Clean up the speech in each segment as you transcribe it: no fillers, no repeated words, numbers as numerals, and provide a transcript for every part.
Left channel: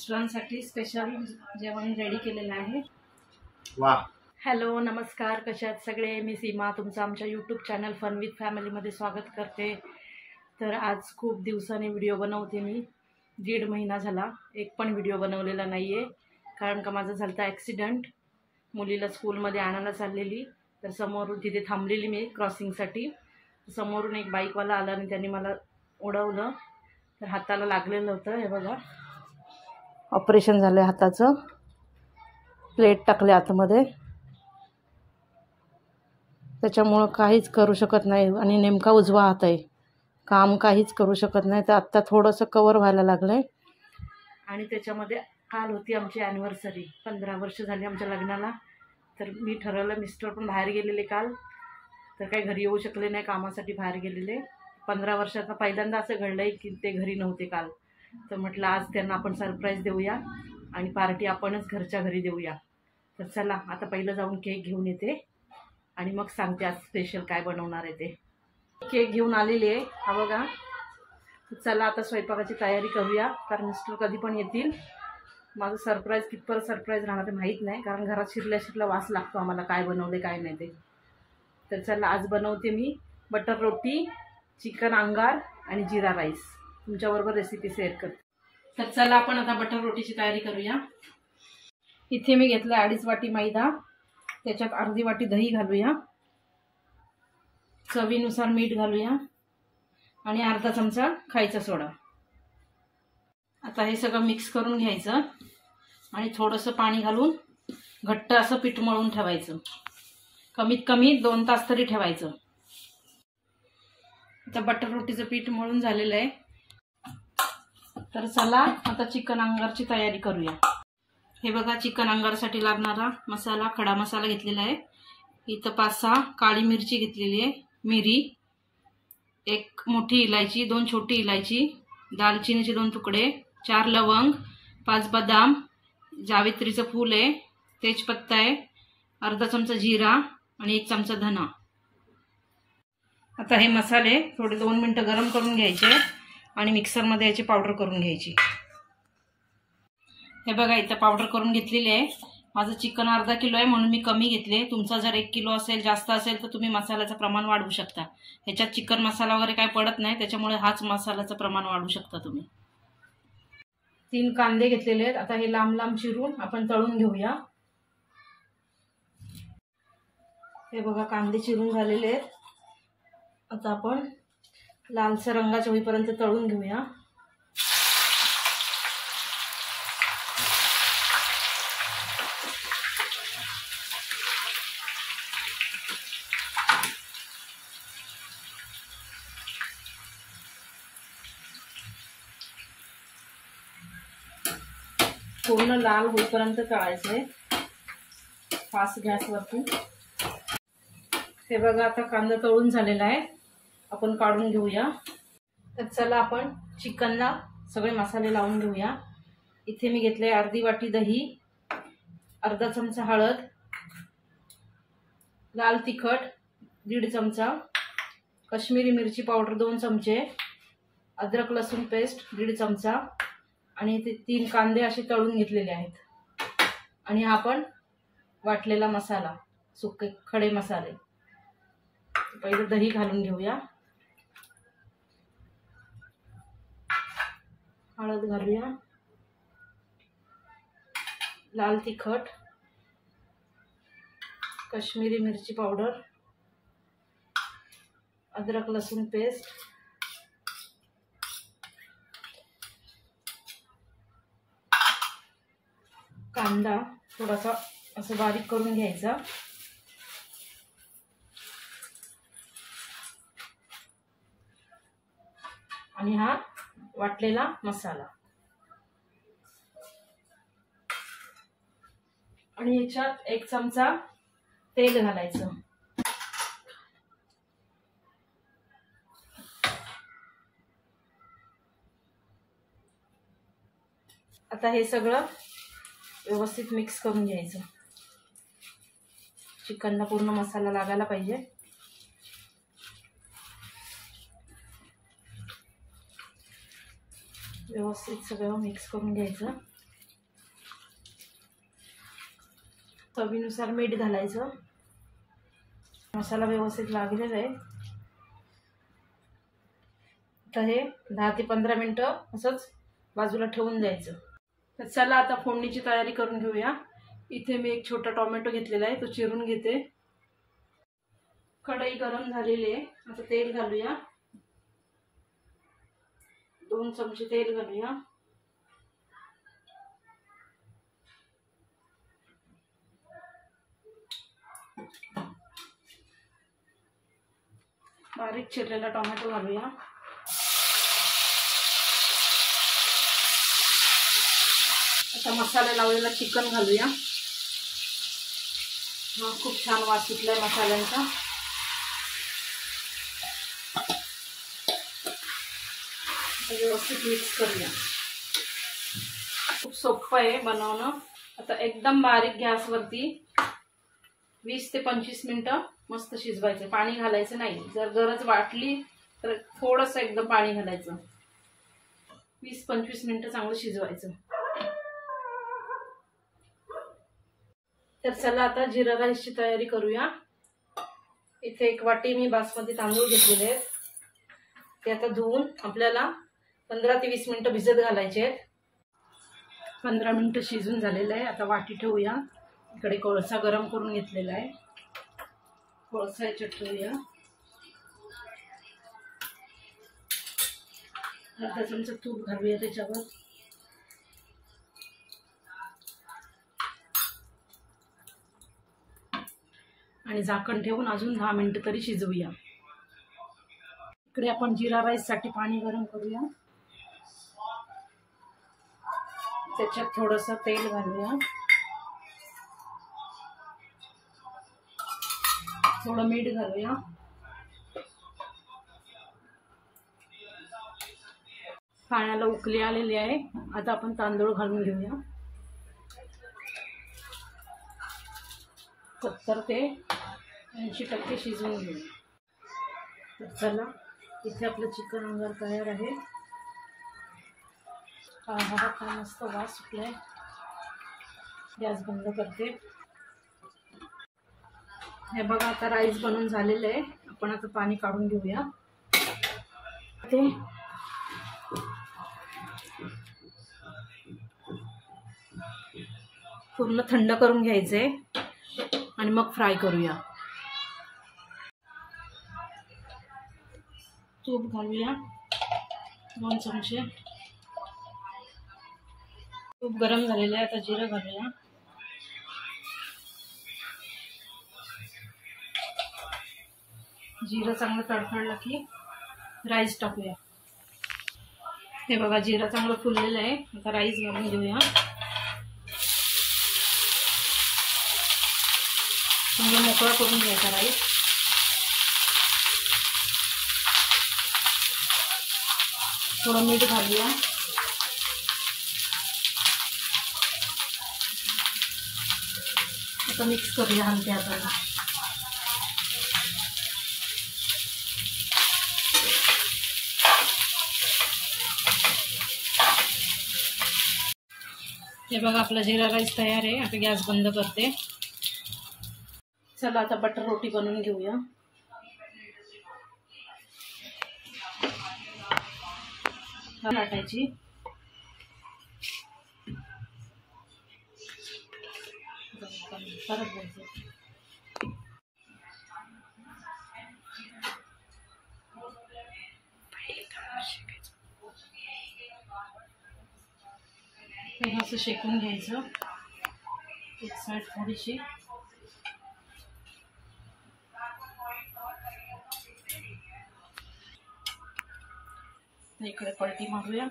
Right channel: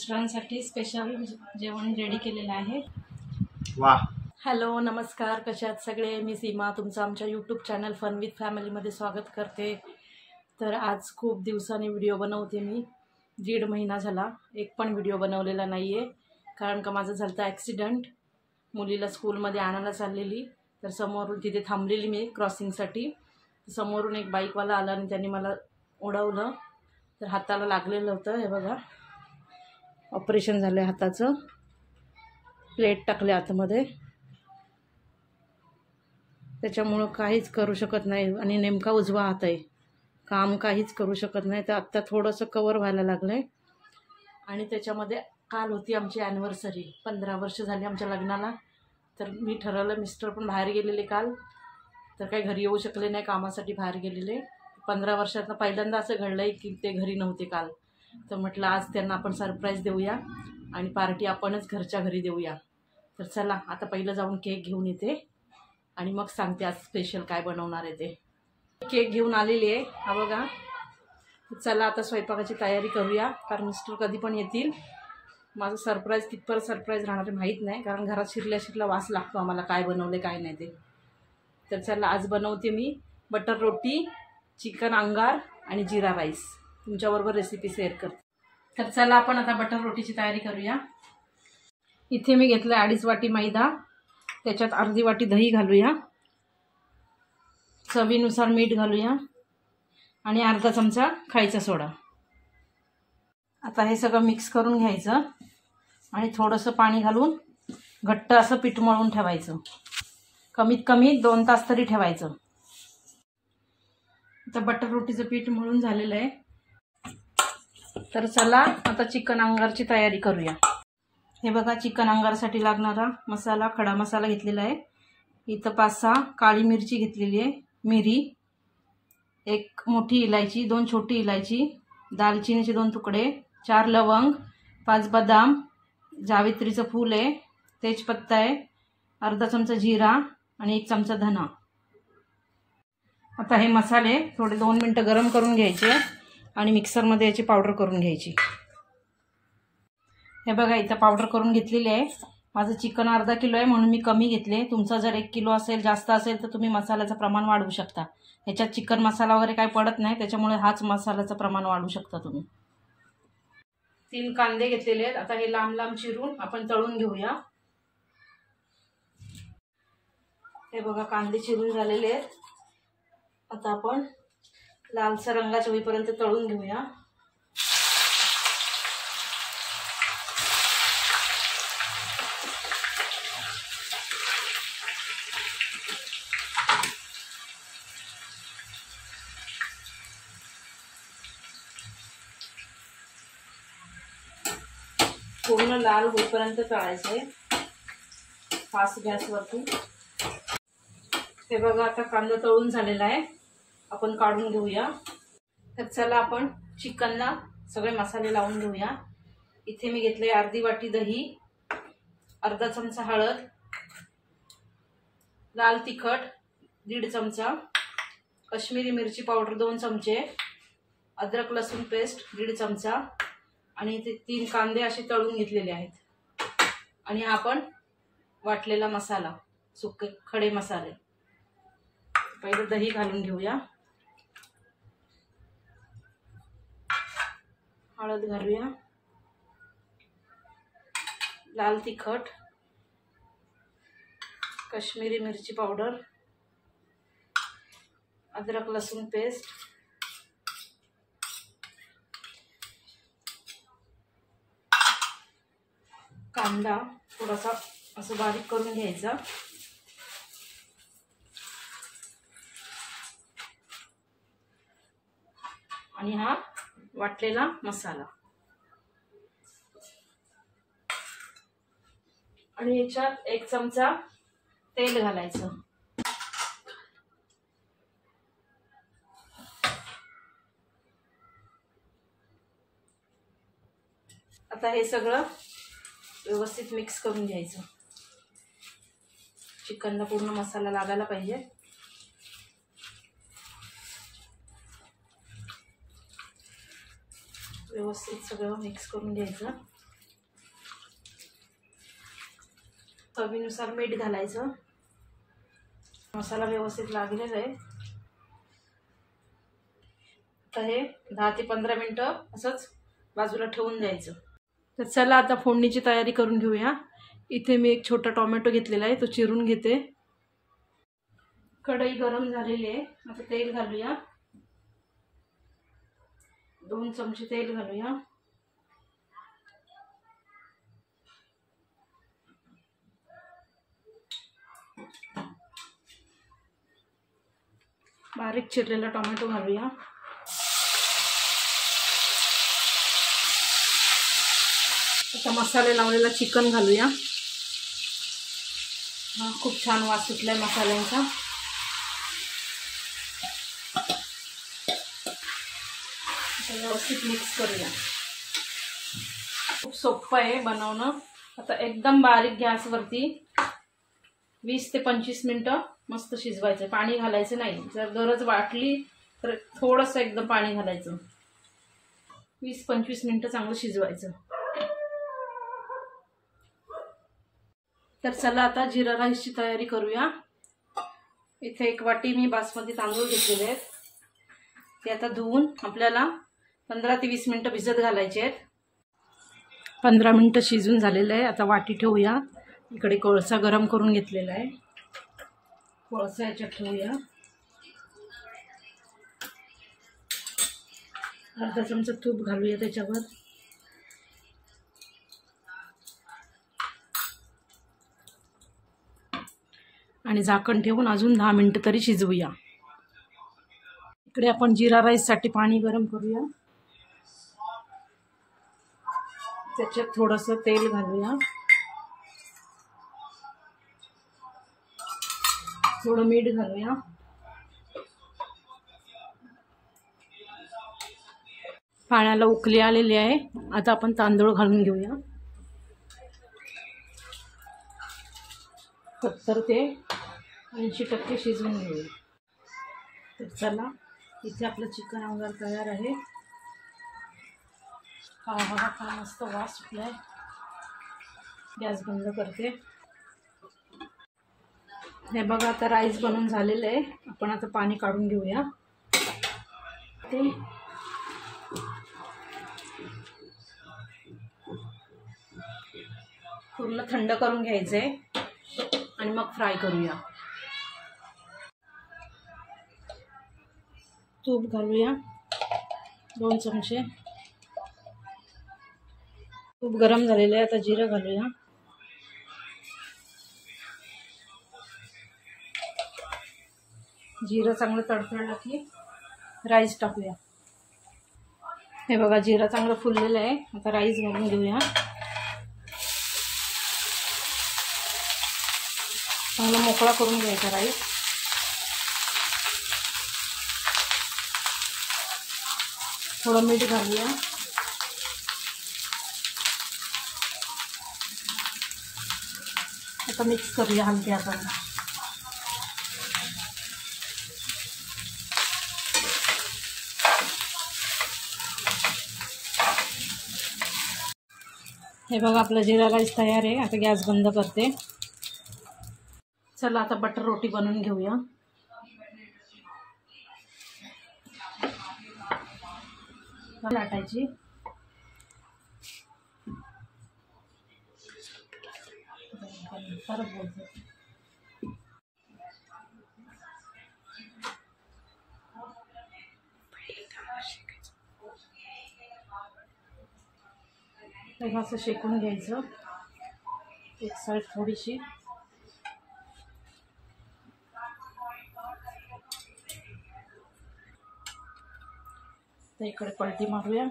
मिस्टरांसाठी special जेवण ready केलेलं आहे। वाह। हॅलो नमस्कार, कशा आहात सगळे? मी सीमा तुमचं आमच्या यूट्यूब चॅनल फन विथ फॅमिलीमध्ये स्वागत करते। तर आज खूप दिवसांनी व्हिडिओ बनवते मी। 1.5 महिना झाला एक पण व्हिडिओ बनवलेला नाही आहे, कारण का माझं झालं ॲक्सिडेंट। मुलीला स्कूलमध्ये आणायला चाललेली, तर समोरून तिथे थांबलेली मी क्रॉसिंगसाठी। समोरून एक बाईकवाला आला आणि त्यांनी मला उडवलं, तर हाताला लागलेलं होतं। हे बघा, ऑपरेशन झालं हाताचं, प्लेट टाकले आतमध्ये, त्याच्यामुळं काहीच करू शकत नाही आणि नेमका उजवा हात आहे, काम काहीच करू शकत नाही। तर आत्ता थोडंसं कवर व्हायला लागलं आहे। आणि त्याच्यामध्ये काल होती आमची ॲनिव्हर्सरी, 15 वर्ष झाली आमच्या लग्नाला। तर मी ठरवलं, मिस्टर पण बाहेर गेलेले काल, तर काही घरी येऊ शकले नाही, कामासाठी बाहेर गेलेले। 15 वर्षातनं पहिल्यांदा असं घडलं आहे की ते घरी नव्हते काल। तर म्हटलं आज त्यांना आपण सरप्राईज देऊया आणि पार्टी आपणच घरच्या घरी देऊया। तर चला आता पहिलं जाऊन केक घेऊन येते आणि मग सांगते आज स्पेशल काय बनवणार आहे ते। केक घेऊन आलेली आहे, हा बघा। चला आता स्वयंपाकाची तयारी करूया, कारण मिस्टर कधी पण येतील। माझं सरप्राईज कितपर्यंत सरप्राईज राहणार आहे माहीत नाही, कारण घरात शिरल्या वास लागतो आम्हाला काय बनवले काय नाही ते। तर चला आज बनवते मी बटर रोटी, चिकन अंगार आणि जीरा राईस, तुमच्याबरोबर रेसिपी शेअर करते। तर चला आपण आता बटर रोटीची तयारी करूया। इथे मी घेतलं 2.5 वाटी मैदा, त्याच्यात अर्धी वाटी दही घालूया, चवीनुसार मीठ घालूया आणि अर्धा चमचा खायचा सोडा। आता हे सगळं मिक्स करून घ्यायचं आणि थोडंसं पाणी घालून घट्ट असं पीठ मळून ठेवायचं, कमीत कमी 2 तास तरी ठेवायचं। आता बटर रोटीचं पीठ मळून झालेलं आहे। तर चला आता चिकन अंगारची तयारी करूया। हे बघा, चिकन अंगारसाठी लागणारा मसाला, खडा मसाला घेतलेला आहे। इथं 5-6 काळी मिरची घेतलेली आहे, मिरी, 1 मोठी इलायची, 2 छोटी इलायची, दालचिनीचे 2 तुकडे, 4 लवंग, 5 बदाम, जावित्रीचं फूल आहे, तेजपत्ता आहे, अर्धा चमचा जिरा आणि 1 चमचा धना। आता हे मसाले थोडे 2 मिनिटं गरम करून घ्यायचे आणि मिक्सरमध्ये याची पावडर करून घ्यायची। हे बघा, इथं पावडर करून घेतलेली आहे। माझं चिकन अर्धा किलो आहे म्हणून मी कमी घेतले। तुमचा जर 1 किलो असेल, जास्त असेल, तर तुम्ही मसाल्याचं प्रमाण वाढवू शकता। ह्याच्यात चिकन मसाला वगैरे काय पडत नाही, त्याच्यामुळे हाच मसाल्याचं प्रमाण वाढवू शकता तुम्ही। 3 कांदे घेतलेले आहेत, आता हे लांब लांब चिरून आपण तळून घेऊया। हे बघा, कांदे चिरून झालेले आहेत, आता आपण लालसर रंगाच्या होईपर्यंत तळून घेऊया। पूर्ण लाल होईपर्यंत तळायचं आहे, फास्ट गॅसवरती। हे बघा, आता कांदा तळून झालेला आहे, आपण काढून घेऊया। तर चला आपण चिकनला सगळे मसाले लावून घेऊया। इथे मी घेतले अर्धी वाटी दही, अर्धा चमचा हळद, लाल तिखट 1.5 चमचा, कश्मीरी मिरची पावडर 2 चमचे, अद्रक लसूण पेस्ट 1.5 चमचा आणि इथे 3 कांदे असे तळून घेतलेले आहेत। आणि आपण वाटलेला मसाला, सुके खडे मसाले। पहिले दही घालून घेऊया, हळद घालूया, लाल तिखट, कश्मीरी मिरची पावडर, अद्रक लसूण पेस्ट, कांदा थोडासा असं बारीक करून घ्यायचा आणि हा वाटलेला मसाला आणि याच्यात 1 चमचा तेल घालायचं। आता हे सगळं व्यवस्थित मिक्स करून घ्यायचं, चिकनला पूर्ण मसाला लागायला पाहिजे। व्यवस्थित सगळं मिक्स करून घ्यायचं। चवीनुसार मीठ घालायचं. मसाला व्यवस्थित लागलेला आहे. तर हे 10 ते 15 मिनटं असंच बाजूला ठेवून द्यायचं. तर चला आता फोडणीची तयारी करून घेऊया. इथे मी एक छोटा टोमॅटो घेतलेला आहे, तो चिरून घेते. कढई गरम झालेली आहे. आता तेल घालूया. 2 चमचे तेल घालूया. बारीक चिरलेला टोमॅटो घालूया. आता मसाले लावलेला चिकन घालूया. हा खूप छान वास सुटलाय मसाल्यांचा. व्यवस्थित मिक्स करूया. खूप सोपं आहे बनवणं. आता एकदम बारीक गॅसवरती 20 ते 25 मिनटं मस्त शिजवायचं. पाणी घालायचं नाही. जर गरज वाटली तर थोडंसं एकदम पाणी घालायचं. 20-25 मिनटं चांगलं शिजवायचं. तर चला आता जिरा राईसची तयारी करूया. इथे 1 वाटी मी बासमती तांदूळ घेतलेले आहेत. ते आता धुवून आपल्याला 15 ते 20 मिनटं भिजत घालायचे आहेत. 15 मिनटं शिजून झालेलं आहे. आता वाटी ठेवूया. इकडे कोळसा गरम करून घेतलेला आहे. कोळसा याच्यात ठेवूया. अर्धा चमचा तूप घालूया त्याच्यावर. आणि झाकण ठेवून अजून 10 मिनटं तरी शिजवूया. इकडे आपण जिरा राईससाठी पाणी गरम करूया. त्याच्यात थोडंसं तेल घालूया. थोडं मीठ घालूया. पाण्याला उकळी आलेली आहे. आता आपण तांदूळ घालून घेऊया. 70 ते 80% शिजवून घेऊया. तर चला, इथे आपलं चिकन वगैरे तयार आहे. हा काय मस्त वास सुटलाय. गॅस बंद करते. हे बघा, आता राईस बनवून झालेलं आहे. आपण आता पाणी काढून घेऊया. ते पूर्ण थंड करून घ्यायचंय आणि मग फ्राय करूया. तूप घालूया 2 चमचे. तूप गरम झालेलं आहे. आता जिरं घालूया. जिरं चांगलं तडतडलं की राईस टाकूया. हे बघा, जिरं चांगलं फुललेलं आहे. आता राईस घालून घेऊया. चांगला मोकळा करून घ्यायचा राईस. थोडं मीठ घालूया. आता मिक्स करूया हलक्या हाताने. हे बघा, आपला जिरा राईस तयार आहे. आता गॅस बंद करते. चला, आता बटर रोटी बनवून घेऊया. लाटायची. परत बोलते. असं शेकून घ्यायचं. एक साईड थोडीशी. तर इकडे पलटी मारूया.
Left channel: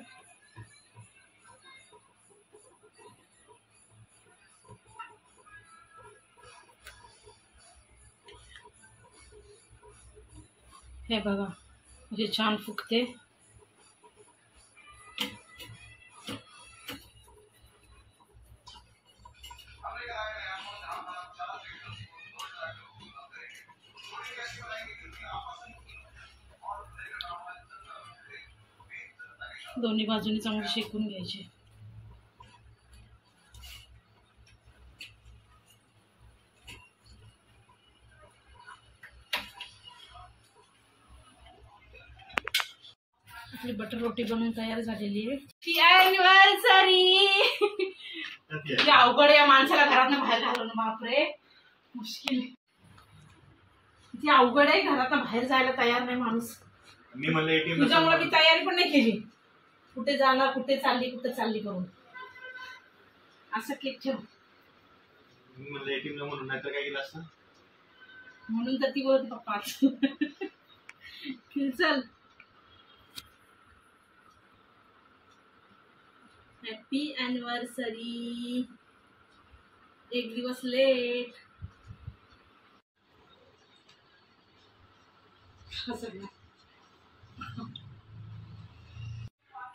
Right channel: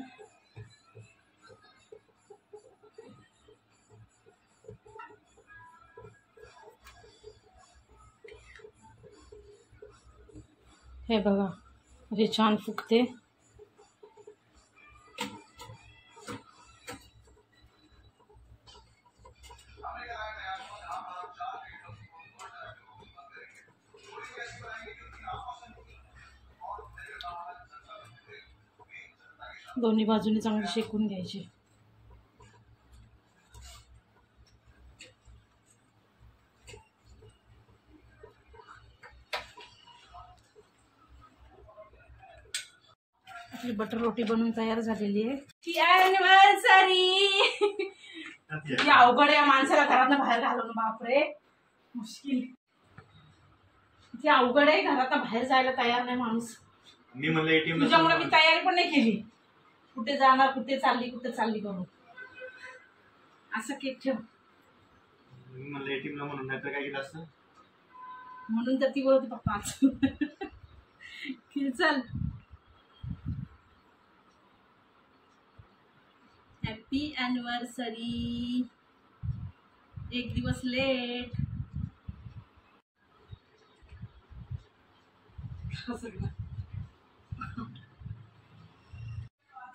हे बघा, म्हणजे छान फुगते. दोन्ही बाजूनी चांगली शेकून घ्यायची. आपली बटर रोटी बनवून तयार झालेली आहे. ती ॲनिव्हर्सरी ती अवघड या माणसाला घरातनं बाहेर घालवणं. बापरे मुश्किल. ती अवघड आहे. घरातनं बाहेर जायला तयार नाही माणूस. मी म्हणलं एटीएम तुझ्यामुळे मी तयारी पण नाही केली. कुठे जाणार, कुठे चालली करून. असं केक ठेव. मी म्हणलं एटीएमला म्हणून, नाही तर काय केलं असतं. म्हणून तर ती बोलते पप्पा चल. Happy anniversary. एक दिवस लेट.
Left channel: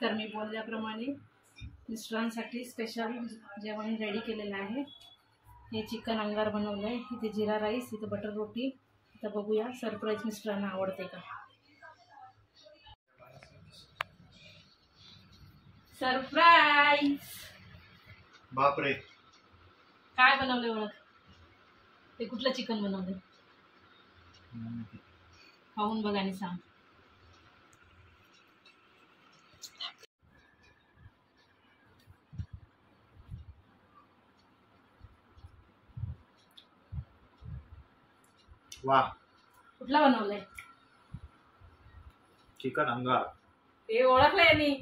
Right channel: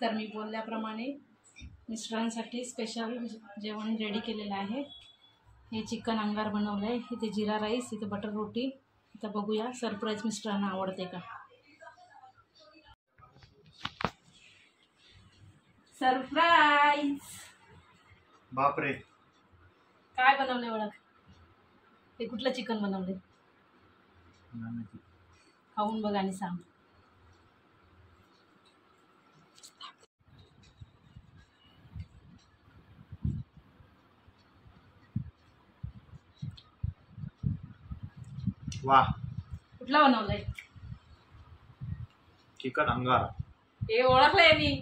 तर मी बोलल्याप्रमाणे मिस्टरांसाठी स्पेशल जेवण रेडी केलेलं आहे. हे चिकन अंगार बनवलं आहे. इथे जिरा राईस, इथे बटर रोटी. इथं बघूया सरप्राईज मिस्टरांना आवडते का. सरप्राईज. बापरे काय बनवले ओळख. ते कुठलं चिकन बनवले खाऊन बघ आणि सांग. वाह. कुठला बनवलाय. चिकन अंगार. हे ओळखलं यांनी.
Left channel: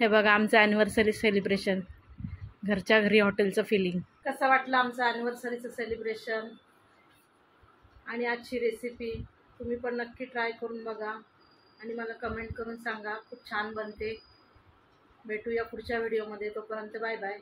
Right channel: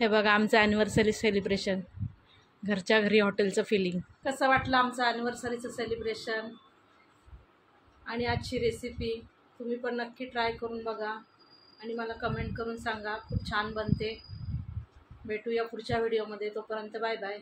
हे बघा आमचं ॲनिव्हर्सरी सेलिब्रेशन. घरच्या घरी हॉटेलचं फिलिंग. कसं वाटलं आमचं ॲनिव्हर्सरीचं सेलिब्रेशन आणि आजची रेसिपी. तुम्ही पण नक्की ट्राय करून बघा आणि मला कमेंट करून सांगा. खूप छान बनते. भेटूया पुढच्या व्हिडिओमध्ये. तोपर्यंत बाय बाय.